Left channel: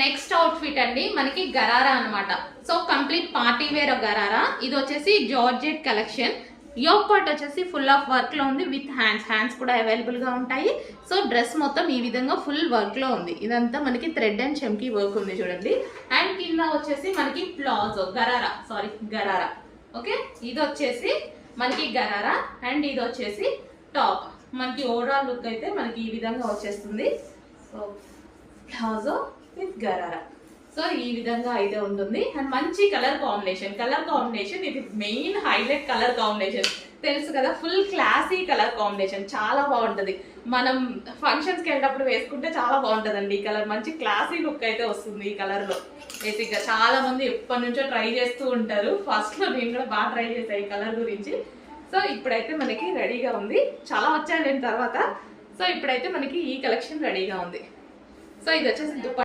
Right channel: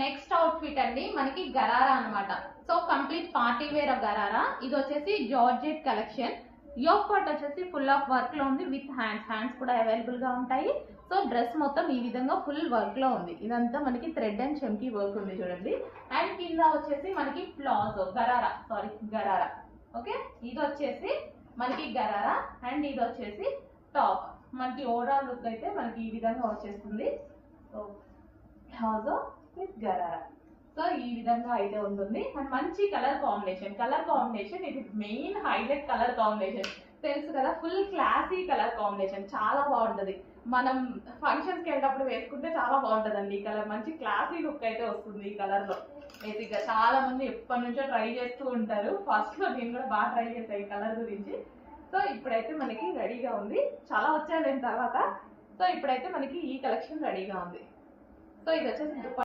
Next outfit అండి మనకి గరారా అన్నమాట. So complete party wear gharara. ఇది వచ్చేసి జార్జెట్ కలెక్షన్. యోక్ పార్ట్ వచ్చేసి ఫుల్ ఆఫ్ వర్క్ లో ఉంది విత్ హ్యాండ్స్ కూడా అవైలబుల్ గా ఉంటాయి. సో డ్రెస్ మొత్తం ఈ విధంగా ఫుల్ వర్క్ లో ఉంది. ఇదంతా మనకి థ్రెడ్ అండ్ చెమ్కీ వర్క్ ఉంది చూడండి. అండ్ కింద వచ్చేసి మనకి ప్లాజో గరారా. ఓకే, ఇది వచ్చేసి మనకి గరారా అండ్ ఇది వచ్చేసి టాప్. మనకి ఓవరాల్ లుక్ అయితే మనకి ఈ విధంగా వచ్చేస్తుంది. So palazzo with gharara. So ఈ విధంగా అయితే ఉంటుంది. అండ్ మంచి కలర్ కాంబినేషన్ ఇది మెయిన్ హైలైట్ కలర్ కాంబినేషన్. తెలుసు కదా, ఫుల్ క్లాసీ కలర్ కాంబినేషన్, చాలా బాగుంటుంది. మనం ఫంక్షన్స్కి వెళ్ళినప్పుడు వేసుకుంటే చాలా బాగుంటుందండి ఈ కలర్. మంచి క్లాసీ లుక్ అయితే వస్తుంది ఈ కలర్లో. బేసిక్గా చాలా మంది ఎప్పటి నుంచో ట్రై చేస్తూ ఉంటారు. ఫస్ట్లో నేను కూడా బాగా ట్రై చేశాను ఈ కలర్ గురించి. సో ఇప్పుడైతే మనకి రెడీగా ఉంది. చాలా వచ్చాను నేను తర్వాత. సో ఇప్పుడైతే మనకి ఈ కలెక్షన్ రెడీగా ఉంది. సో ఇది వచ్చేసి దుపట్టా.